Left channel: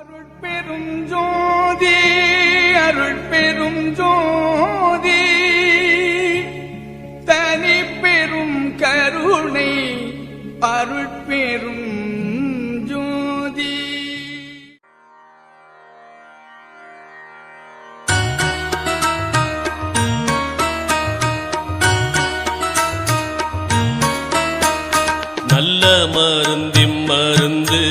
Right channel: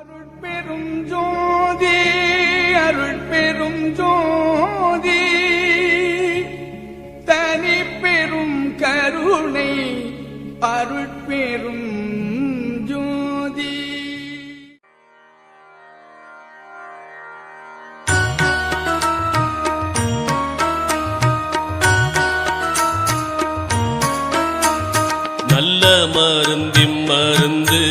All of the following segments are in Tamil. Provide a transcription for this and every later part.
அருட்பெரும் ஜோதி அருட்பெரும் ஜோதி தனி பெரும் கருணை அருட்பெரும் ஜோதி. நல்ல மருந்து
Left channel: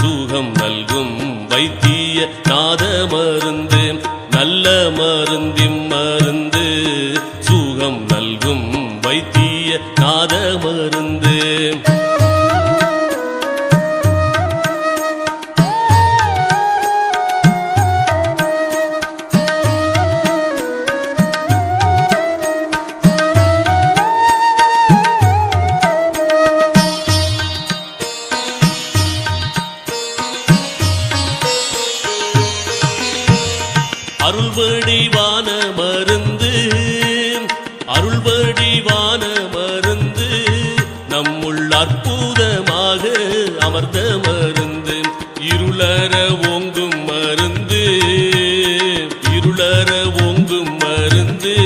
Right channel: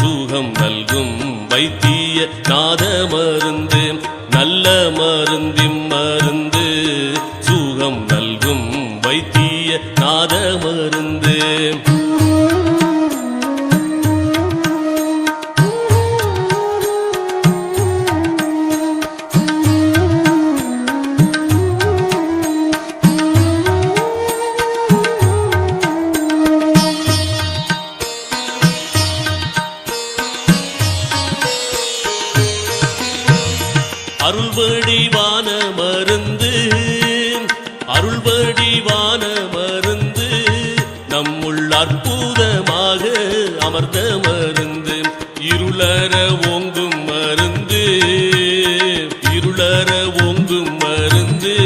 சுகம் நல்கும் வைத்திய நாத மருந்து. நல்ல மருந்து சுகம் நல்கும் வைத்திய நாத மருந்து. அருள்வடிவான மருந்து அருள்வடிவான மருந்து நம்முள் அற்புதமாக அமர்ந்த மருந்து. இருளற ஓங்கும் மருந்து இருளற ஓங்கும் மருந்து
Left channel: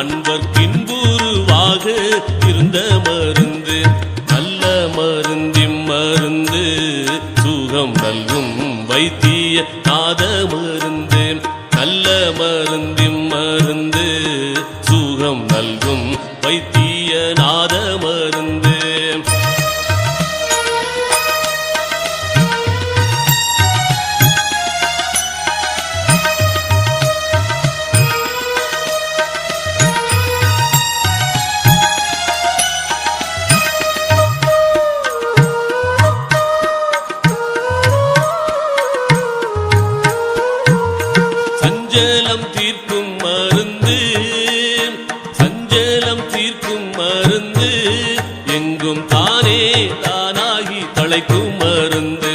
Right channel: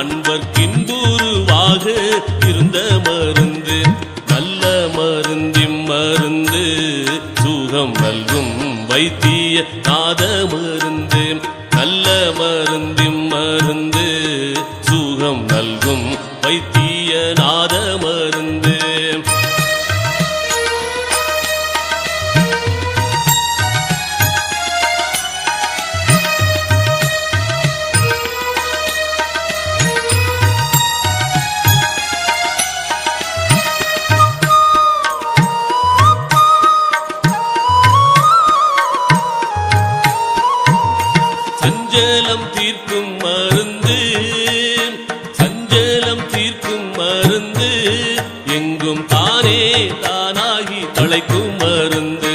அன்பர்க்கின்புருவாக இருந்த மருந்து. நல்ல மருந்து சுகம் நல்கும் வைத்திய நாத மருந்து. நல்ல மருந்து சுகம் நல்கும் வைத்திய நாத மருந்து. சஞ்சலம் தீர்க்கும் மருந்து சஞ்சலம் தீர்க்கும் மருந்து எங்கும் தானே தானாகி தழைக்கும் மருந்து.